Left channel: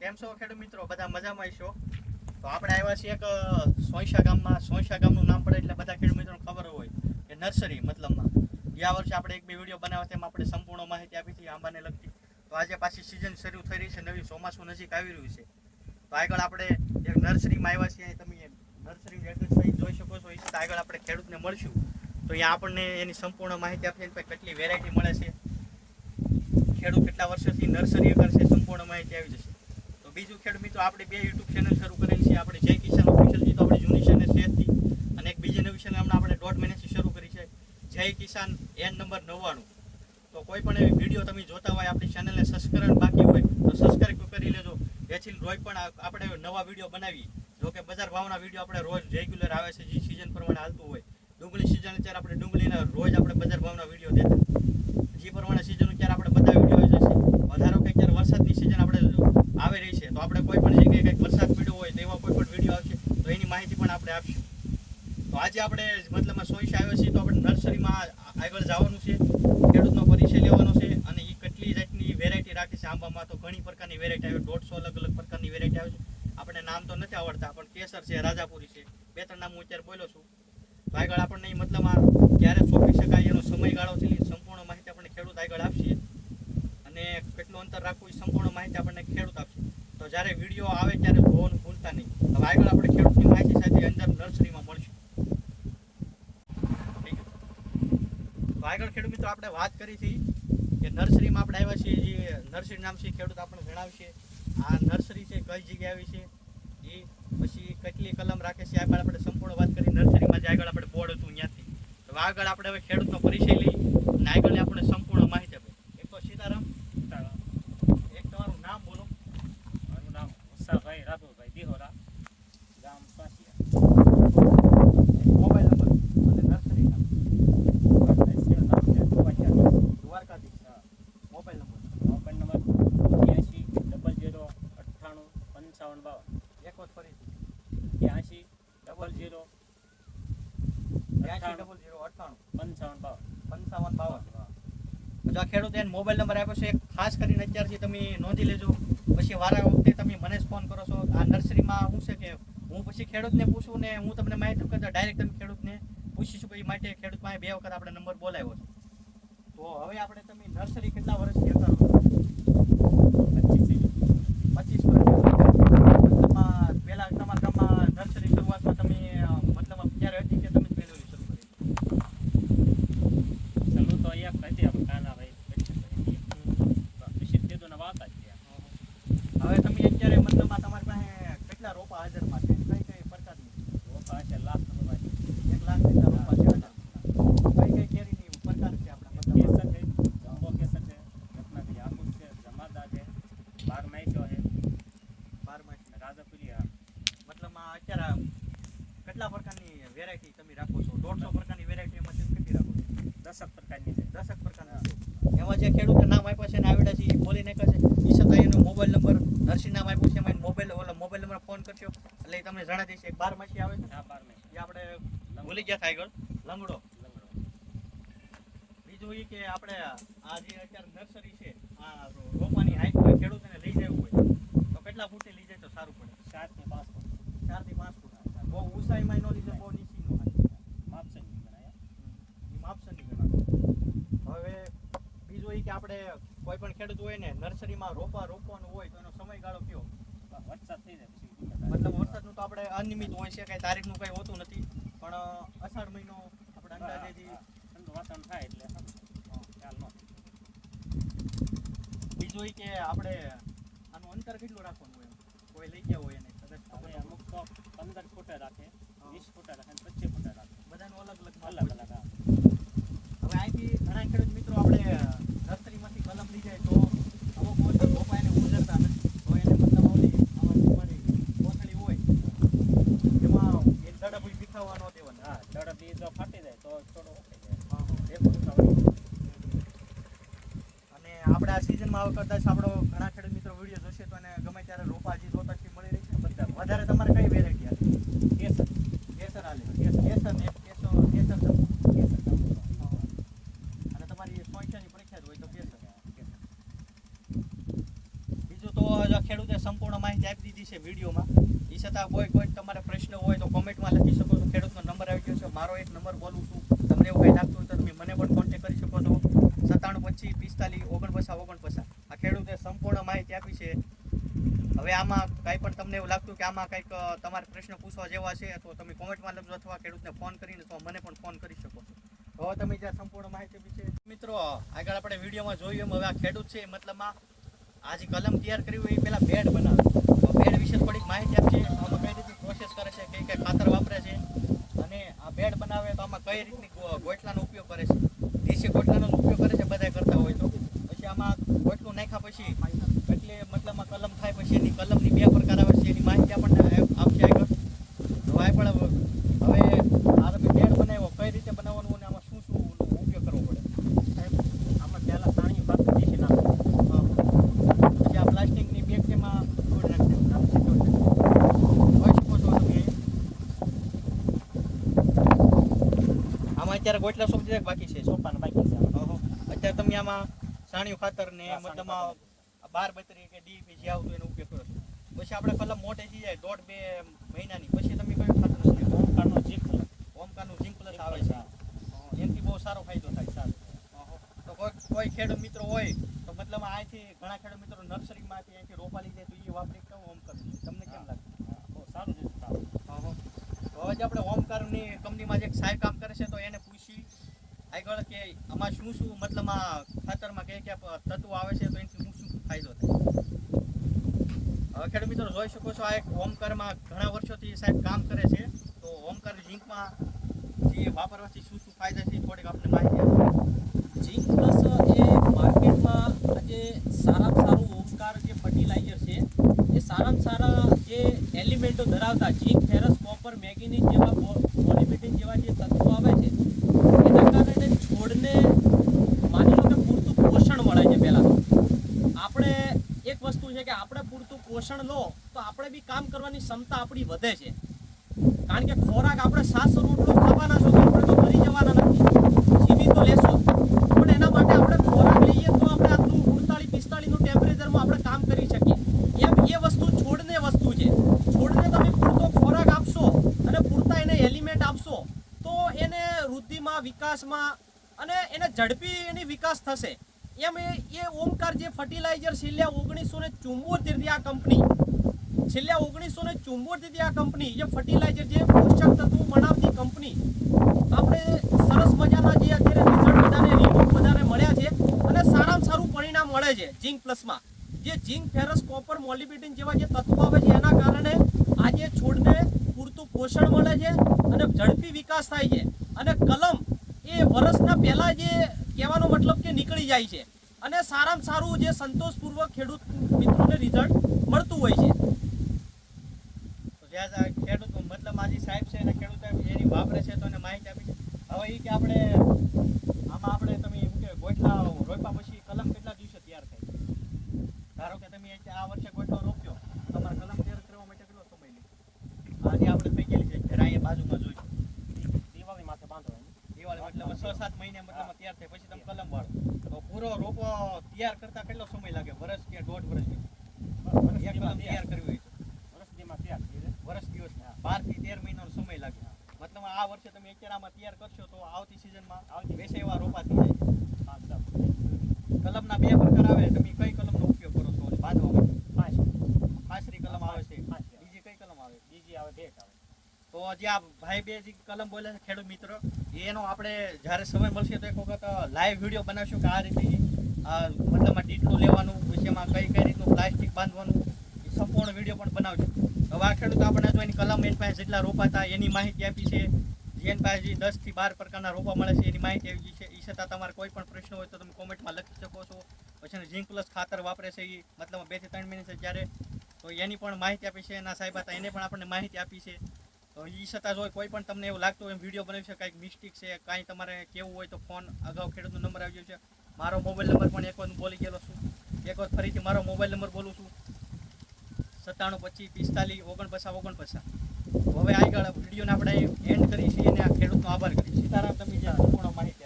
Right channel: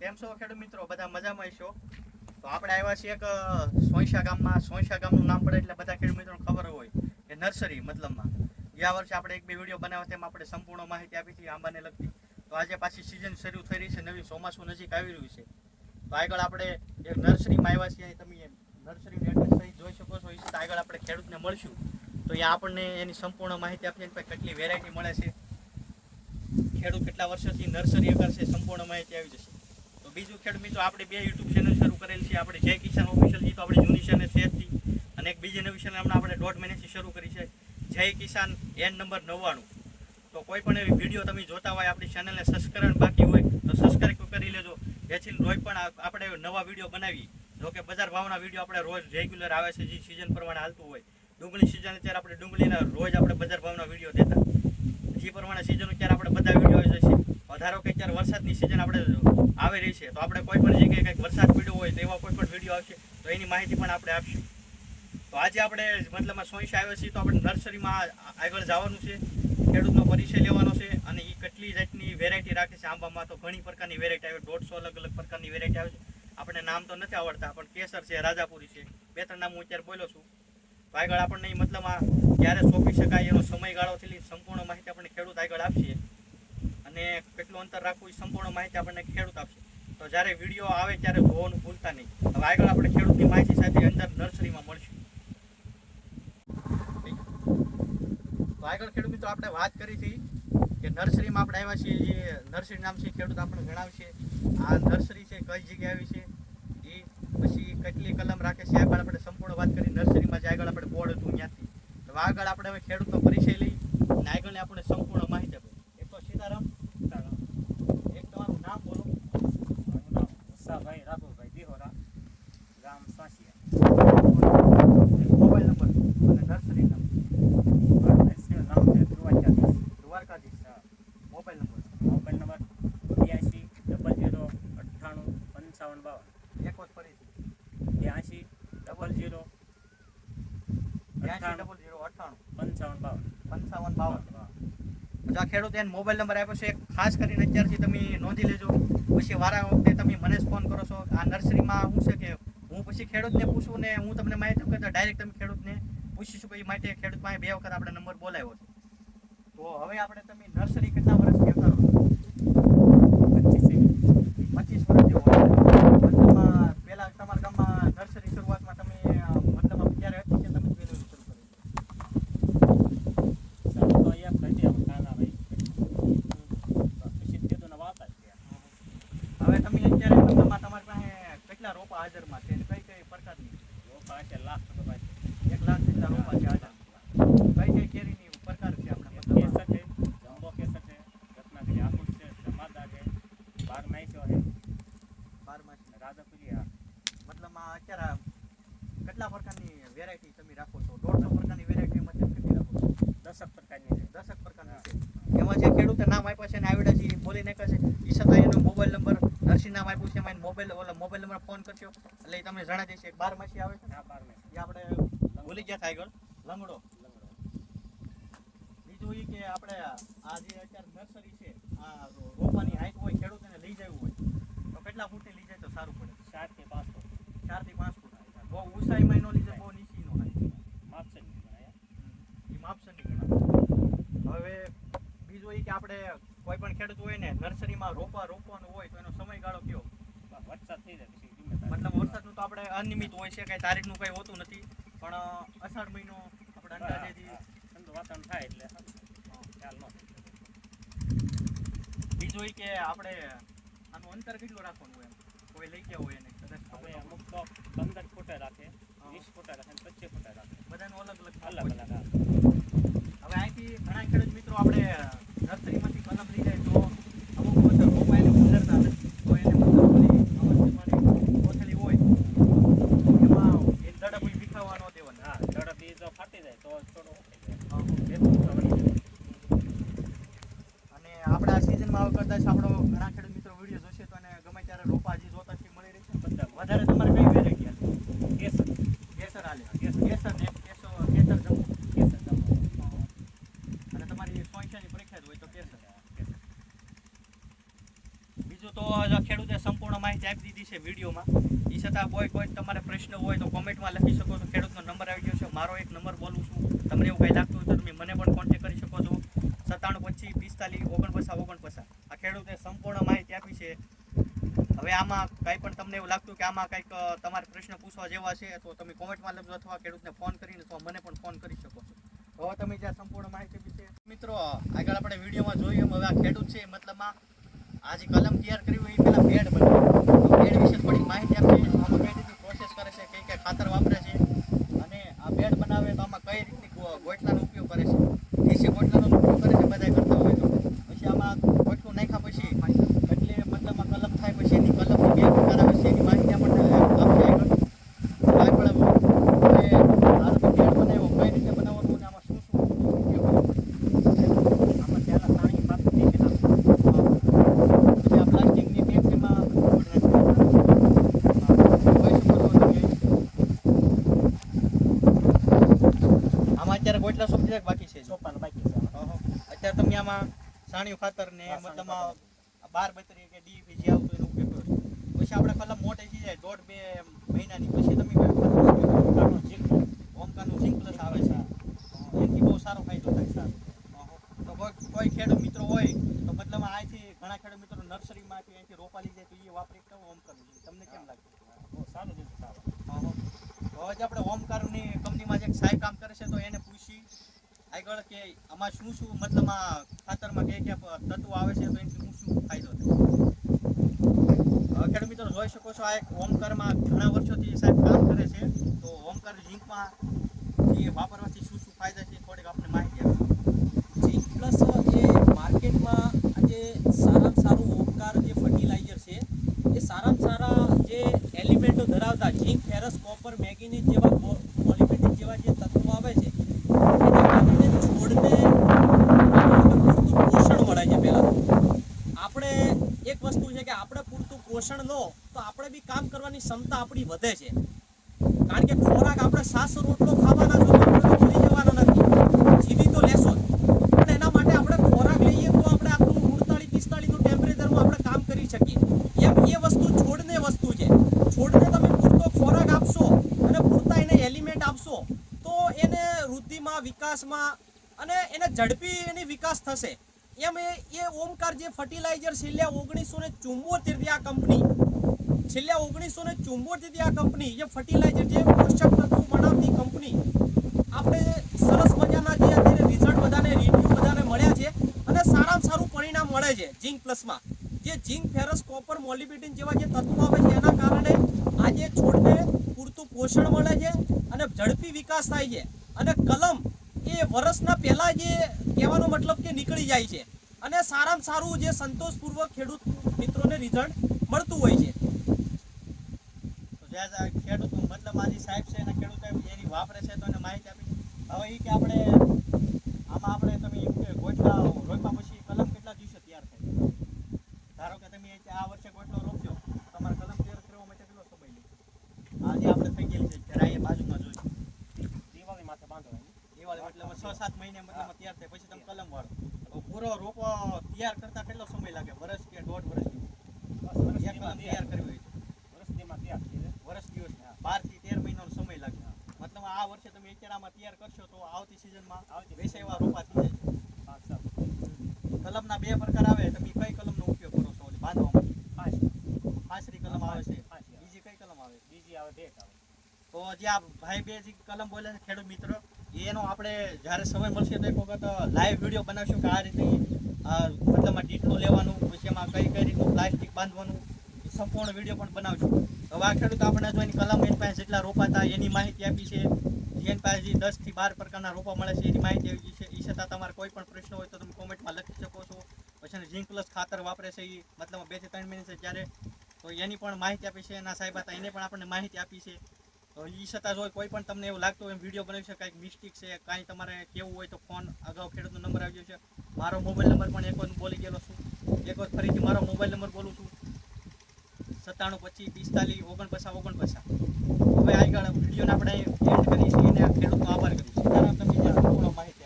કેમ છો ખેડૂત મિત્રો? બધા મજામાં છો? તો આપણે આવ્યા છીએ એક સોંસા ગામમાં. સોંસા ગામનું નામ પડે એટલે બધા ખેડૂત મિત્રોને ખબર હોય કે નર્સરી મતલબમાં. ગયા વર્ષે આપણે એક બે વીડિયો બનાવ્યા તેમાં આપણે સંપૂર્ણ માહિતી આપી હતી આંબાને લગતી. તો આજે પાછી સિઝન શરૂ થઈ રહી છે, નવી ચોમાસું નજીક આવી રહ્યું છે. તો આગળ આપણે એક નર્સરીમાં આવ્યા છીએ તમે નર્સરીનું અહીં જોઈ શકો છો. એ આગળ આપણે ખેડૂતને મળશું. તો અહીંયા આપણને એની સંપૂર્ણ માહિતી આપી છે કેટલી વેરાયટી મળે છે. ખેડૂત કેટલા વર્ષોથી નર્સરી કરશે, સંપૂર્ણ માહિતી આવી જશે. તો બીજું ખેડૂત મિત્રો, આપણે બે યુટ્યુબ ચેનલ શરૂ કરેલ છે. આપણે જય કિસાન ઓફિશિયલ તો આપણી જૂની ચેનલ શેરથી અને એક બીજી નવી ચેનલ હમણાં આપણે દોઢ મહિનાથી શરૂ કરી છે. જય કિસાન એન નંબર નવ્વાણું. તો કોઈ પણ એવી વીડિયો તમે જોતા હોય, આપણી ચેનલને સબસ્ક્રાઈબ બાકી હોય, તો સબસ્ક્રાઈબ કરી લેજો. જેથી રોજ પણ આપણે નવા વીડિયો બનાવીએ. જો કે બજાર ભાવના વીડિયો આપણે રોજ રેગ્યુલર આવે છે, જે સિઝન પ્રમાણે હાલતું હોય. ડુંગળી સિઝન અત્યારે આપણે ડુંગળીના રોજ આપણે બજાર ભાવના વીડિયો દેતા. જે પ્રમાણે સિઝન અત્યારે આપણે બધા વીડિયો આવે અત્યારે વરસાદની સિઝન આપણે આવી રહી છે, તો આપણે કોઈ પણ જગ્યાએ કંઈક વરસાદ પડ્યો હોય તો એવા કોઈ પણ વીડિયો આવશે, તો એની માહિતી પણ આપણે આપશું. તો આજે આપણે મતલબમાં સોઈશ આવ્યો છીએ તો આપણે નર્સરીમાં આગળ જવાનું છે, ખેડૂતનો પરિચય લેવાનો છે, અને એ કેટલી જાતની વેરાયટી રાખે છે, આંબામાં તો ઘણી પ્રકારની વેરાયટી આવે, દોઢસો અલગ અલગ પ્રકારની વેરાયટી આવે છે. આપણે નામ તો નથી આવડતા, પણ કેસર છે, રાજાપુરી છે, બે ત્રણ નામ હું અત્યારે બોલ્યો છું. આગળ આપણને મતલબ આ ક્યારે સોંપી શકાય એનો સમયગાળો છે સંપૂર્ણ માહિતી આપણને ખેડૂત આગળ આપશે અને કેટલું અંતર રાખવું એ સંપૂર્ણ માહિતી આપણને ખેડૂત આપશે. તો જ્યારે વીડિયો આવે ત્યારે જોવાનું ભૂલતા નહીં. હવે આગળ આપણે ખેડૂતની માહિતી સાથે અંદર નર્સરીમાં મળશે. તો આગળ ખેડૂત મિત્રો, આપણે વાત કરી હતી કે નર્સરીમાં આપણે આવ્યા છીએ, જે નર્સરી નામ છે ખેડૂત આપણને જણાવશે. આ નર્સરી છે, કઈ જગ્યાએ આવી છે? એ પછી કેટલી કલમ રાખે છે, આગળ આપણે સંપૂર્ણ વાત કરી. નર્સરીમાં જે આગળ આપણે બોર્ડ હતું ત્યાંથી. હવે આગળ આપણે હવે ખેડૂતનો પરિચય લઈ અને આગળ આપણે સંપૂર્ણ માહિતી આપે એક તો સીતારામ એક તમારું નામ બોલો મારું નામ ઉષાભાઈ રાઘુભાઈ દિહોરા ગામ સાંસિયા મોબાઈલ નંબર અને નર્સરી નામ મારું નર્સરીનું નામ છે દ્વારકાધીશ હા. Mobile number. મોબાઈલ નંબર બ્યાસી ડબલ જીરો અઠ્ઠાણું પંચાવન બાવન. એક વખત ફરીથી. બ્યાસી ડબલ જીરો ડબલ ઝીરો અઠ્ઠાણું. પંચાવન બાવન. પંચાવન બાવન. જો આ ખેડૂત એને મોબાઈલ નંબર આપ્યો છે ખાસ કરીને અત્યારથી તમે નોંધી લેજો. પછી વારા વખતે તમે મને જ ફોન કરો છો. આ નર્સરીમાં શું છે કે હું પછી ખેડૂતને પૂછું ને હું તમને માહિતી કરતા ડાયરેક્ટ તમે ખેડૂતને પૂછીશું. કે માટે ખેડૂત પાસે બે વખત આપણે નંબર બોલાવ્યો છે. તો હવે આપણે તમે નર્સરી કેટલા વર્ષથી કે પચીસ વર્ષથી મતલબમાં પહેલા તમારા ગામમાં નર્સરી શરૂઆતમાં તમે મતલબ ક્યારે હતી કે તમે જ પહેલી શરૂ કરી ચાલો તો એક હતી આમ કાનાભાઈ પછી તેદોના વાતા જ ત્યાં હવે તમે અત્યારે મતલબમાં તમારી પાસે કેટલા રોપા હાજરમાં છે અને કઈ કઈ પ્રકારની રોપા હશે લાખ રૂપિયા છે એક લાખ જેટલા રોપા છે હાજર કઈ કઈ કેરીની પ્રકાર છે આપણે કેસર મતલબ છે જમ્બો કેસર છે રત્નાગીરી હાફૂસ છે જમાદાર છે બારમાઈસો છે બારમાં રાજાપુરી હા મતલબમાં અત્યારે કેટલા પ્રકારની વેરાયટી તમે રાખો છો દોઢસો પ્રકારની વેરાયટી મતલબ કેટલી રાખો છો દસક પ્રકારની છે દસક પ્રકારની છે એમાં જે ખેડૂતે નામ આપ્યા છે ને આવડે છે એ બોલી નાખે છે. એ છતાં એનો મોબાઈલ નંબર નરસિંહ નામ આપ્યું છે એમાં મોબાઈલ ઓલા મોબાઈલ નંબર ફોન કર્યો એટલે એ તમને જણાવી દઈશ એક બાર માસી આવે છે. ને બાર માસી. એ આપણે ભૂલી ગયા થાય આગળ. લંગડો. લંગડો. બીજું એ કે આપણે આ જે અત્યારે નર્સરી છે આ રોપાની હાઈટ હોય ખેડૂતને લઈ જવું હોય તો કેટલા ફૂટની લઈ જાય તો સારું પડે ચારથી પાંચ ફૂટ ચારથી પાંચ ફૂટ બહુ ઊંચાઈમાં નો લીધે બહુ નીચી નો હાઈટ માપસરની ગણાય એ માપસરની ગણાય હવે બીજું એ કે આપણે કોઈ પણ ખેડૂત હોય ને નર્સરીમાં રોપા રોપવાનું હોય તો એનો સમયગાળો કયો બસ વરસાદ થઈ જાય પછી ધીમે તારે મતલબ વરસાદનું તો આપણે અનિયમિત હોય છે કઈ તારીખનું કઈ હોતું નથી પણ અષાઢ મહિનો આપણે અંદાજેથી ઠંડુ વાતાવરણ થાય એટલે ખ્યાલ ન. બીજું એ કે આપણે આનું અંતર કેટલું રાખવાનું હોય એમ કોઈ લઈ ગયા હોય એને કદાચ. અમુક તો પંદર ફૂટે રાખે. વીસ ફૂટે રાખે અને પચીસ ફૂટે રાખે બધાનું અલગ અલગ અલગ અલગ. હવે અહીંથી ઘણા ખેડૂત મિત્રો આપણે નર્સરીમાંથી કલમ લઈ જાય તો અમુક વખત રોપા એને ગુજરતા નથી તો એને મતલબ ઓલી આમાં તમારી કોથળી હોય એમાં એક દડપ ઈ વિખાવા ન દેવાના હા ઝડપ બી જો ફાટી જાય તો થોડું ઉખાઈ જાય હા, હા. બે ફૂટ તો વળી જાય. અને આપણે આ સિઝનમાં હવે કદાચ આપણો ઘણા ખેડૂત મિત્રો વીડિયો જોશે તો અને ગમે ત્યારે રોપા હજી જોતાથી મળી રહી છે બધા. વધારે તમારે કઈ વેરાયટી હાલે કેસર. કેસર હાલે. કેસર. કેસર ને કેસર કેસર જમ્બો અને તમારી સોંચાની પ્રખ્યાત હોય તો કેસર. કેસર બીજું ખેડૂતે સંપૂર્ણ માહિતી આપી દીધી છે વિડીયોમાં. એ છતાં કોઈ કોઈ તમારે પ્રશ્ન હોય તો કોમેન્ટમાં લખી શકો છો. ખેડૂતનો નંબર આવી ગયો છે. મારો એક નંબર બોલું છું. તમને એવું કંઈ લાગતું હોય તો તમે મને પણ કોન્ટેક્ટ કરી શકો છો. સત્તાણું પચીસ, પિસ્તાલીસ, ઓગણપચાસ ઓગણપચાસ. આ ખેડૂતે સંપૂર્ણ માહિતી આપી છે. હવે આમાં કાંઈ પણ તમને એવું લાગતું કે આમાં કંઈક તમારે પ્રશ્ન પૂછવા જેવા છે તો તમે કોમેન્ટમાં લખજો અથવા ખેડૂતને ફોન કરીને તો મને પણ ફોન કરી શકો છો. હવે તમે જ્યાં સંપૂર્ણ માહિતી વિશે મિત્રો, આગળ આપણે વિડીયોમાં જોયું એમ. હવે આ ખેડૂત છે મતલબમાં આ જે કલમ તૈયાર કરી હોય એ પહેલાં બેડ બનાવે. તો બેડ વિશે થોડીક માહિતી આપશે આમાં કઈ રીતે પ્રોસેસ કરે છે કઈ કઈ ખાતર વાપરે છે આ બેડ બનાવે તો આમાં કઈ રીતની ગોઠલાનો ઉપયોગ કરે છે? દેશી ગોટલાનો ઉપયોગ કરે છે? બધા કરતા હોય તો. પછી આમાં ગોટલું નાખ્યા પછી એટલે મતલબમાં કલમ થાય પછી એની કલમની બે પ્રકાર આવે છે એની માહિતી આપણને આપશે આગળ તો આગળ હવે આ બેડ બનાવ્યો કઈ રીતે બનાવવાનું અને આમાં શું શું ઉપયોગ કરવો પડે આમાં પહેલા સાણી ખાતર દેશી નાખવું પછી આ પ્લાસ્ટિકની પેકીમાં ગોળ નાખી જોઈ શકો છો તમે આમાં એક બાકી છે સોપાન બાકી છે. ઓહો. અત્યારે તમે આમાં છાણિયું ખાતર ને મતલબ બાર બત્રી કે ડીપી જે આવતું એનો ઉપયોગ કરો. પછી આપણે કલમ મોટે થઈ જાય દોઢ બે મહિનાની. પછી તમે ઓમકાનો જીકો ઓમકાનું ઝીંક પ્લસ આવે છે. એનાથી બહુ સારો ફાયદો થાય સારો. તો કોઈ ખેડૂત મિત્રો હોય તો મતલબ અહીંથી ઘણા ખેડૂત મિત્રો નર્સરીમાંથી અહીંથી રોપા લઈ જાય તો એ વાપરી તો ઓમકારનું છે. તમને કેમ લાગે? બહુ સારું છે સારું. હા તો હવે આપણે ઓમકારની કંપનીમાં જે સાહેબ કામ કરે છે તો એને પૂછી આગળ કે આમાં શું શું મતલબ આ ખાતરમાં કયા કયા તત્વો આવે છે, તો એનાથી શું શું ફાયદો થાય? ખેડૂત મિત્રો જોઈ શકો છો આ એક ઓમકારમાં ઘણા વર્ષોથી સાહેબ કામ કરે છે. તો ઓમકાર ઝીંકમાં જે વાપરવાથી શું શું ફાયદા છે થોડીક આપણે માહિતી આપશો? પ્લસ એ માર્કેટમાં આજે સારામાં સારું ઓમકાર જે ફર્ટિલાઇઝર છે, એ સારામાં સારા જે એલિમેન્ટો ધરાવતા ઝીંક ફેરસ કોપર, મેગ્નીઝ જેવા પોલિમેટિક જેવા જે તત્વો આવે છે છોડને પોષણ મળે છે પહેલાં આપણે એક વસ્તુ છે કે આપણે પૂરતું પોષણ લો, તો આપણે બી કામ કરવાની ક્ષમતા આપણી વધે છે. કારણ કે ખોરાક આપણે સાસો રોટલો ખાવાના છો આપણે તો મરી જવાના નથી. જીવી તો લેશો પણ એના માટે આપણે ખોરાક લઈએ તો આપણે આટલું ઉડતાલીસ પિસ્તાળીસનું ટેમ્પરેચરમાં આપણે કામ કરી શકીએ. એમ એ વસ્તુ છોડને વસ્તુ છે. છોડને તમે પૂરતો ખોરાક આપશો અને પૂરતા એને એલિમેન્ટ આપશો, તો એને વૃદ્ધિમાં, વિકાસમાં અને એને ઝડપી એની વિકાસ થશે. એમ એ એ ઓમકાર જે ફર્ટિલાઇઝર છેલ્લા ઓગણીસો ને ચુંબોતેરથી આ કંપની, છેલ્લા ઓગણીસો ને ચુંબોતેરથી આ કંપની, જે ફર્ટિલાઇઝર જે પોષક તત્વો બનાવતી કંપની, આપણે સરસ મજાના જે અત્યારે રિઝલ્ટ બધાને રિવ્યુ બધાને મળ્યા છે અને સારામાં સારું પરિણામ મળે છે ઝીંક પ્લસમાં જે ઝીંક ફેરસ કોપર મોલિબિડિન જેવા જે તત્વો આવે છે, એના કારણે આજે છોડને પૂરતું પોષણ મળે છે અને ઝડપી વિકાસ થાય છે. અને કલમ એ વર્ષના પહેલા જે કહેવાનો મતલબ કે નીકળી જાય છે. અને સારામાં સારું જે સંતોષપૂર્વક ખેડૂત મિત્રોને રિઝલ્ટ મળતું હોય છે. ખેડૂત મતલબ આજે સાહેબ છે, એના ખેડૂત એની વાપરે છે, તો એને માહિતી આપી હવે એ કે આપણે, આમાં આપણે તમે એમ કે ગોટલા રોપ્યા પછી કલમ કેટલા દિવસે તૈયાર થાય ધારો કે તમે એક આ વર્ષે ગોટલો રોપ્યો તમારે કલમ તૈયાર કરવા માટે કેટલો સમય લે આજે આપણે થઈ ગયેલી છે ત્યારે અહીંયા બાજુમાં જોયું દિવાળી માથે બાંધવાની દિવાળી મતલબ છ સાત મહિને મતલબ તૈયાર થાય પછી તમે કલમ વાળો. તો પૂરો રોપો તૈયાર કરતા કેટલો સમય લાગે? વર્ષ કે દોઢ વર્ષ તૈયાર કરવી વર્ષ દીમાં તૈયાર વર્ષ દિવસ બારથી તેર મહિનાનો સમય લાગે. મતલબ આ વર્ષે તમે અત્યારે આમાં તૈયાર કરશો તો આવતી સિઝનમાં આવતી વેસે એવા રોપા થઈ જાય. કલમના બે પ્રકાર આવે. તમે કઈ કલમનો ઉપયોગ કરો છો? બાંધવામાં? પાંચ. ફાસરી કલમ આવે છે. બીજી કઈ કલમ આવે? બીજી આવે ભેટ આવે. તો જે આ ભાઈ બે જે કલમ બોલે છે ખેડૂત મિત્રો, એનો આપણે જ્યારે સમય મળશે તો એક વખત લાઈવ વીડિયો બનાવશું કે આ રીતે મતલબ ડીટલું લેવાનું એમાં કઈ કઈ રીતનું પ્લાસ્ટિક બાંધવાનું, એ સંપૂર્ણ વીડિયો પણ બનાવશું. હવે આ ખેડૂત આપણે જો એની કલમ એની પાસે જેટલા રોપા હતા, એની માહિતી આપી છે. એની પાસે જે દસથી બાર પ્રકારના રોપા મળે છે, એની માહિતી આપી છે. એ છતાં તમારે કોઈ પણ પ્રશ્ન હોય તો તમે કોમેન્ટમાં લખી શકો છો. પછી ઝીંક પ્લસ ખાતર વાપરે છે એ મતલબ બેથી ત્રણ મહિને છે જ્યારે. તો એની પણ માહિતી આપી છે. એના સાહેબ હતા એને પણ આપણને માહિતી આપી છે. તો એ છતાં જો કોઈ પણ તમને એવું લાગતું હોય વીડિયો બનાવી છે, કાંઈક મિસ્ટેક છે, કાંઈ તમારે કેવું હોય તો ફોન અગાઉ ખેડૂતનો નંબર આવી ગયો છે. મારો મોબાઈલ નંબર પણ એક વાર બોલી ગયેલો છું. એક વાર ફરીથી મારો મોબાઈલ નંબર બોલું છું. સત્તાણું પચીસ પિસ્તાલીસ ઓગણપચાસ ઓગણપચાસ. હવે આગળ વિડીયોને આપણે એન્ડ કરીએ છીએ અને ખેડૂતનો આભાર કરીએ સીતારામ તમે જ્યાં પૂર્ણ માહિતી